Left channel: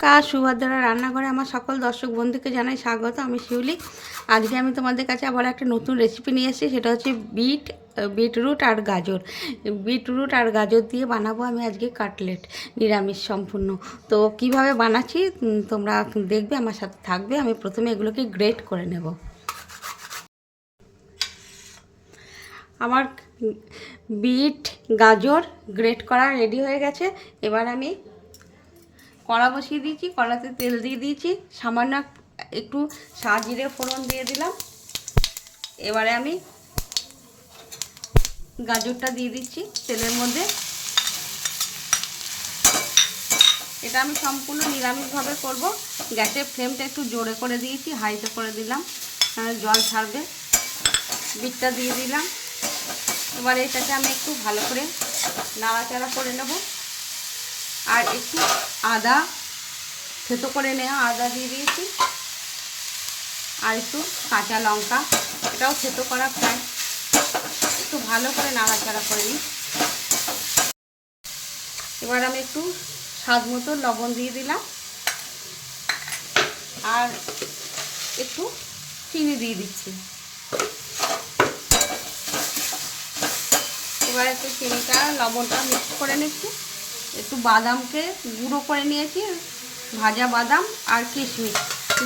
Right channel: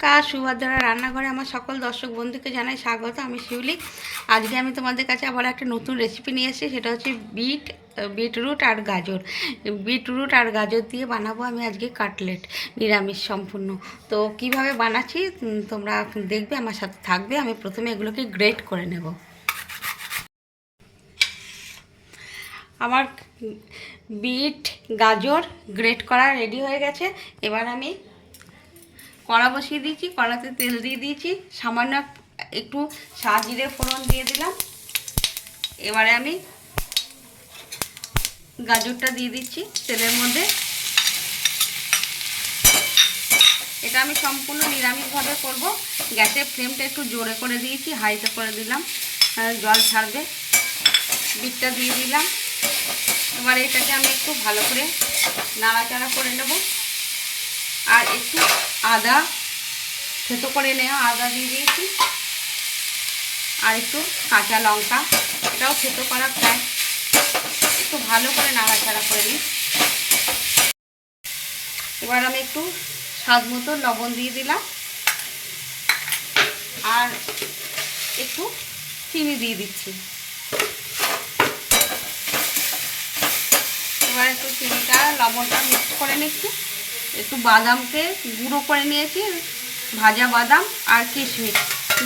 নমস্কার, সুভদ্রা রান্নাঘরে আমার সকল দর্শক বন্ধুকে জানাই স্বাগত। আমি শিউলি। আজকে আমি তোমাদের কাছে আবার একটা নতুন রেসিপি নিয়ে এসেছি। সেটা হচ্ছে বিটরুট আর গাজর। বিটরুট আর গাজর দিয়ে বানাবো আমি আজকে কাটলেট, নিরামিষ সম্পূর্ণ। তো কিভাবে বানাচ্ছি তোমরা দেখবে, আমার সাথে থাকবে। আমি প্রথমে এগুলোকে গ্রেট করে নেব। আমার বিট গাজর গ্রেট করা রেডি হয়ে গেছে। এবার আমি কড়া বসিয়ে দিয়েছি, কড়াতে তেল দিয়ে দিয়েছি, সামান্য একটু জিরে ফোড়ন দিয়ে দিলাম। এবারে আমি গাজরটা দিয়ে দিচ্ছি তেলের মধ্যে। এটা আমি সম্পূর্ণ নিরামিষভাবে করব। গ্যাসের ফ্লেমটা একটু জোরে করে দিয়েছি, হাইতে করে দিলাম, জল ছাড়বে। বিটটা দিয়ে দিলাম। এবার এটাকে আমি একটু ভালো করে নাড়াচাড়া করে নেব। আর একটু আদা থেতো করে নেওয়া আদা দিয়ে দিয়েছি, আর একটু কাঁচা লঙ্কা, এটাও থেতো করা প্রায়। একটু ভালো করে নাড়াচাড়া করে নিই। এবার আমি একটু স্বাদ মতো লবণ দিয়ে দিলাম, আর একটু চিনি দিয়ে দিচ্ছি। এবার একটু চিনিটা লবণটা মিক্স করে নিচ্ছি। একটু বাদামকে গুঁড়ো করে নিয়েছি, ভাজা বাদাম আর কিশমিশ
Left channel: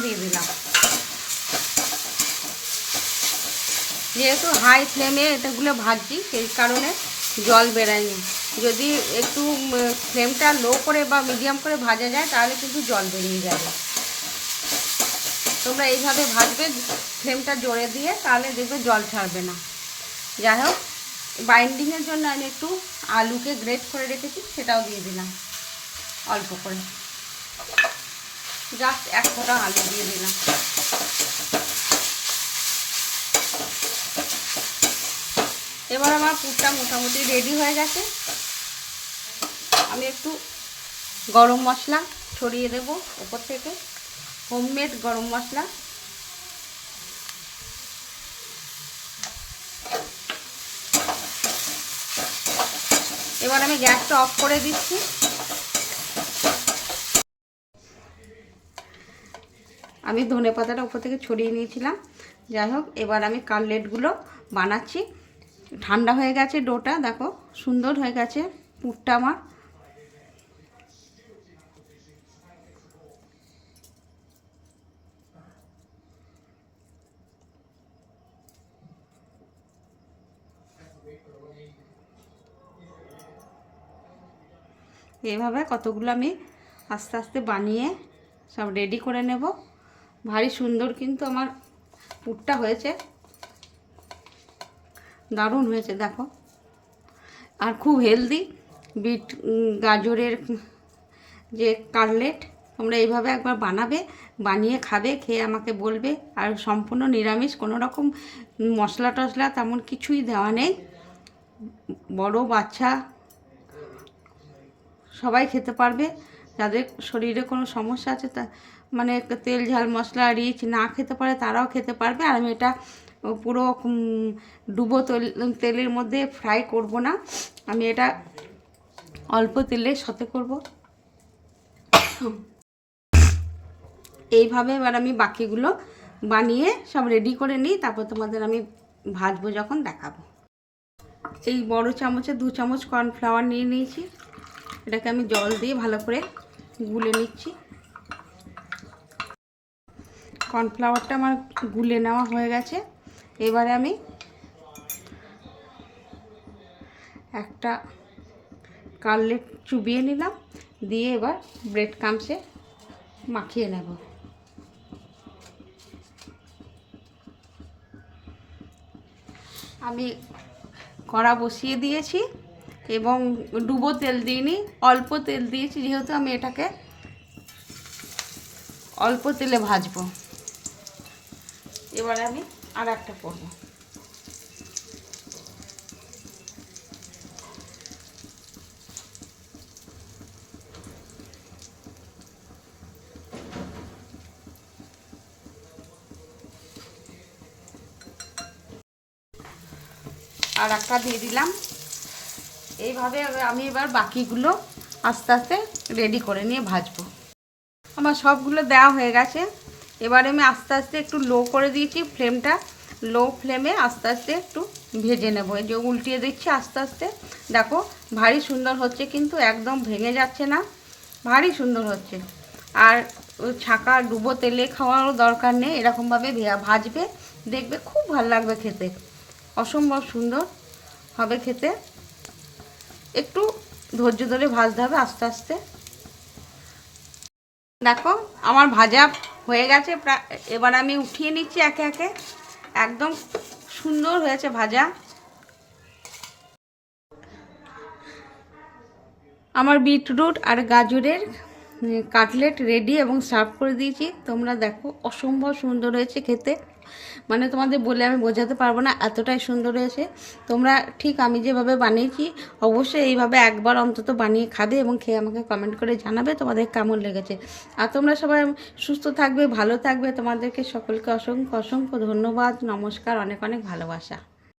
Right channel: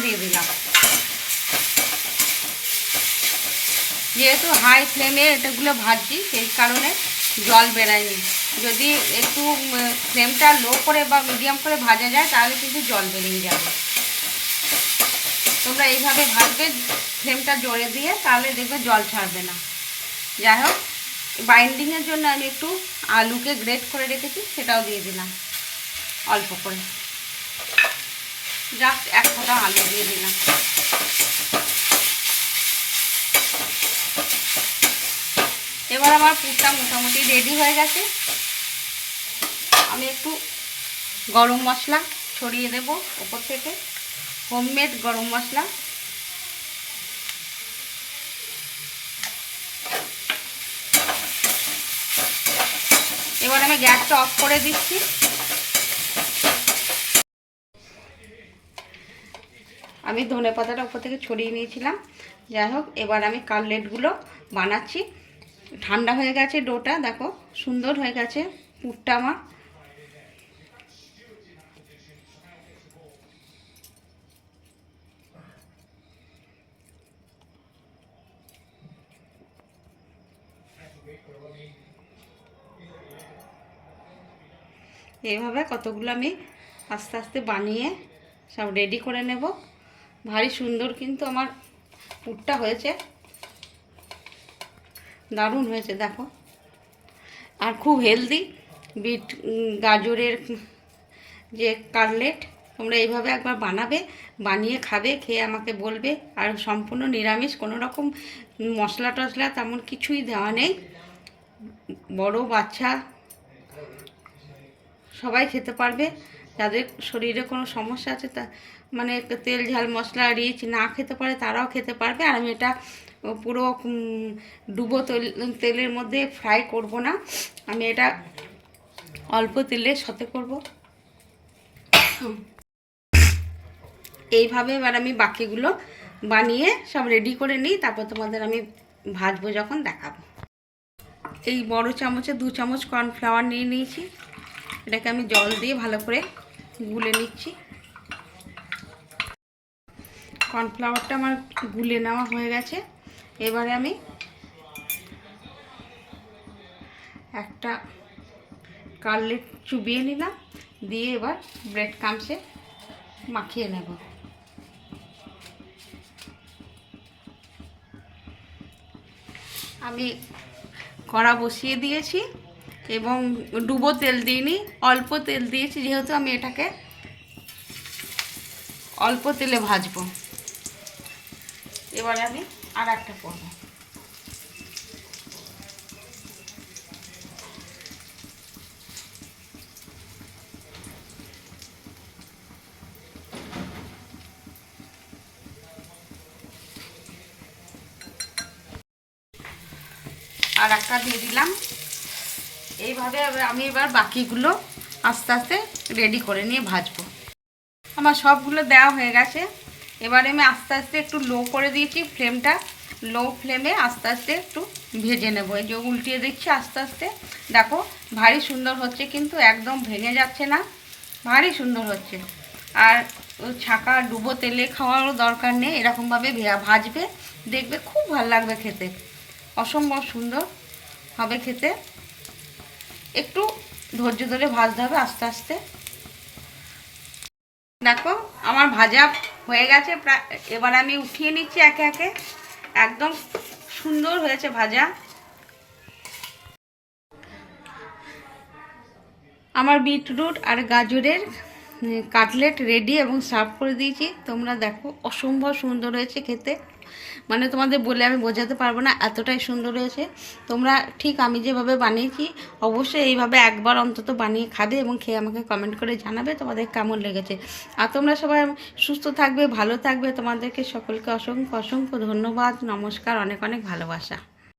দিয়ে দিলাম। যেহেতু হাই ফ্লেমে এটাগুলো ভাজছি, সেই কারণে জল বেরায়নি। যদি একটু ফ্লেমটা লো করে বা মিডিয়াম করে ভাজা যায়, তাহলে কিন্তু জল বেরিয়ে যাবে। তোমরা এইভাবে ভাজবে ফ্লেমটা জোরে দিয়ে, তাহলে দেখবে জল ছাড়বে না। যাই হোক, বাইন্ডিংয়ের জন্য আমি একটু আলুকে গ্রেট করে রেখেছি, সেটাও দিয়ে দিলাম অল্প করে। জাস্ট এক ফোঁটা আলু দিয়ে দিলাম। এবার আমার পুরটা মোটামুটি রেডি হয়ে গেছে। আমি একটু গরম মশলা ছড়িয়ে দেব ওপর থেকে, হোমমেড গরম মশলা। এবার আমি গ্যাসটা অফ করে দিচ্ছি। আমি ধনেপাতাটা উপর থেকে ছড়িয়ে নিয়েছিলাম। যাই হোক, এবার আমি কাটলেটগুলো বানাচ্ছি। ঠান্ডা হয়ে গেছে ডোটা, দেখো সুন্দর হয়ে গেছে পুরটা আমার। এইভাবে কতগুলো আমি আস্তে আস্তে বানিয়ে সব রেডি করে নেব। ভারী সুন্দর কিন্তু আমার পুরটা হয়েছে, দারুণ হয়েছে দেখো। আর খুব হেলদি বিট গাজরের যে কাটলেট। তোমরা এইভাবে একবার বানাবে, বানিয়ে খাবে, খেয়ে আমাকে বলবে। আর সম্পূর্ণ নিরামিষ, কোনো রকম মশলা টশলা তেমন কিছুই দেওয়া নেই। বড় বাচ্চা সবাই খেতে পারবে। যাদের শরীরে কোনো সমস্যা আছে, তা মানে তেল ঝাল মশলা রিচ না খেতে পারে, তারাও খেতে পারবে। আর আমি এটা পুরো ডুবো তেলের মধ্যে ফ্রাই করব না, আমি এটা অল্প তেলের সাথে করব। এইভাবে এবার আমি বাকিগুলো বানিয়ে সব রেডি করে নিই, তারপর তোমাদের আমি ভাজবো যখন দেখাবো। এই বড় চামচে 2 চামচ কর্নফ্লাওয়ার নিয়ে নিয়েছি। এটাকে আমি জল দিয়ে ভালো করে গুলে নিচ্ছি। কর্নফ্লাওয়ারটা আমার গুলে নেওয়া হয়ে গেছে। এবারে আমি একটা কাটলেট চুবিয়ে নিলাম, দিয়ে এবার ব্রেড ক্রাম্বসে মাখিয়ে নেব। আমি কড়া বসিয়ে দিয়েছি এবং ডুবো তেল দিইনি, অল্প তেল দিয়েছি, যেহেতু আমি এটাকে অল্প তেলে ভাজবো। এবারে আমি আর একটা করবো। আর একটা দিয়ে দিলাম। এইভাবে আমি এবার বাকিগুলো আস্তে আস্তে রেডি করে নিয়ে ভাজবো। আমার সবগুলো দেওয়া হয়ে গেছে। এবারে আমি আস্তে আস্তে একটু লো করে দিয়েছি ফ্লেমটা, লো ফ্লেমে আস্তে আস্তে একটু ভেজে নেব। এই যে উল্টিয়ে দিচ্ছি আস্তে আস্তে, দেখো ভারী সুন্দর হচ্ছে, কিন্তু একদম ভেঙে যাচ্ছে না, ভারী সুন্দর হচ্ছে। আর ওই ছাকা ডুবো তেলে খাওয়ারও দরকার নেই, এরকমভাবে ভাজবে, দেখবে খুব ভালো লাগবে খেতে, অসম্ভব সুন্দর হবে খেতে। একটু ধৈর্য ধরে ভাজতে হবে আস্তে আস্তে। দেখো আমার ভাজা হয়ে গেছে প্রায়, এবার আমি উঠিয়ে নিচ্ছি একে একে। একদম সুন্দর হয়েছে ভাজা। আমার বিটরুট আর গাজরের কাটলেট রেডি এবং সার্ভ করে দিয়েছি। তোমরা দেখো অসম্ভব সুন্দর হয়েছে খেতে, মানে তোমাদের বলে আমি বোঝাতে পারবো না, এতটাই সুন্দর হয়েছে। তোমরা ঠিক আমি যেভাবে বানিয়েছি অবশ্যই এইভাবে একবার অন্তত বানিয়ে খাবে এবং খেয়ে আমাকে কমেন্ট করে জানাবে তোমাদের কেমন লেগেছে। আর তোমরা সবাই সুস্থ থাকবে, ভালো থাকবে, তোমাদেরকে সকলকে অসংখ্য অসংখ্য ধন্যবাদ, নমস্কার, অনেক অনেক ভালোবাসা।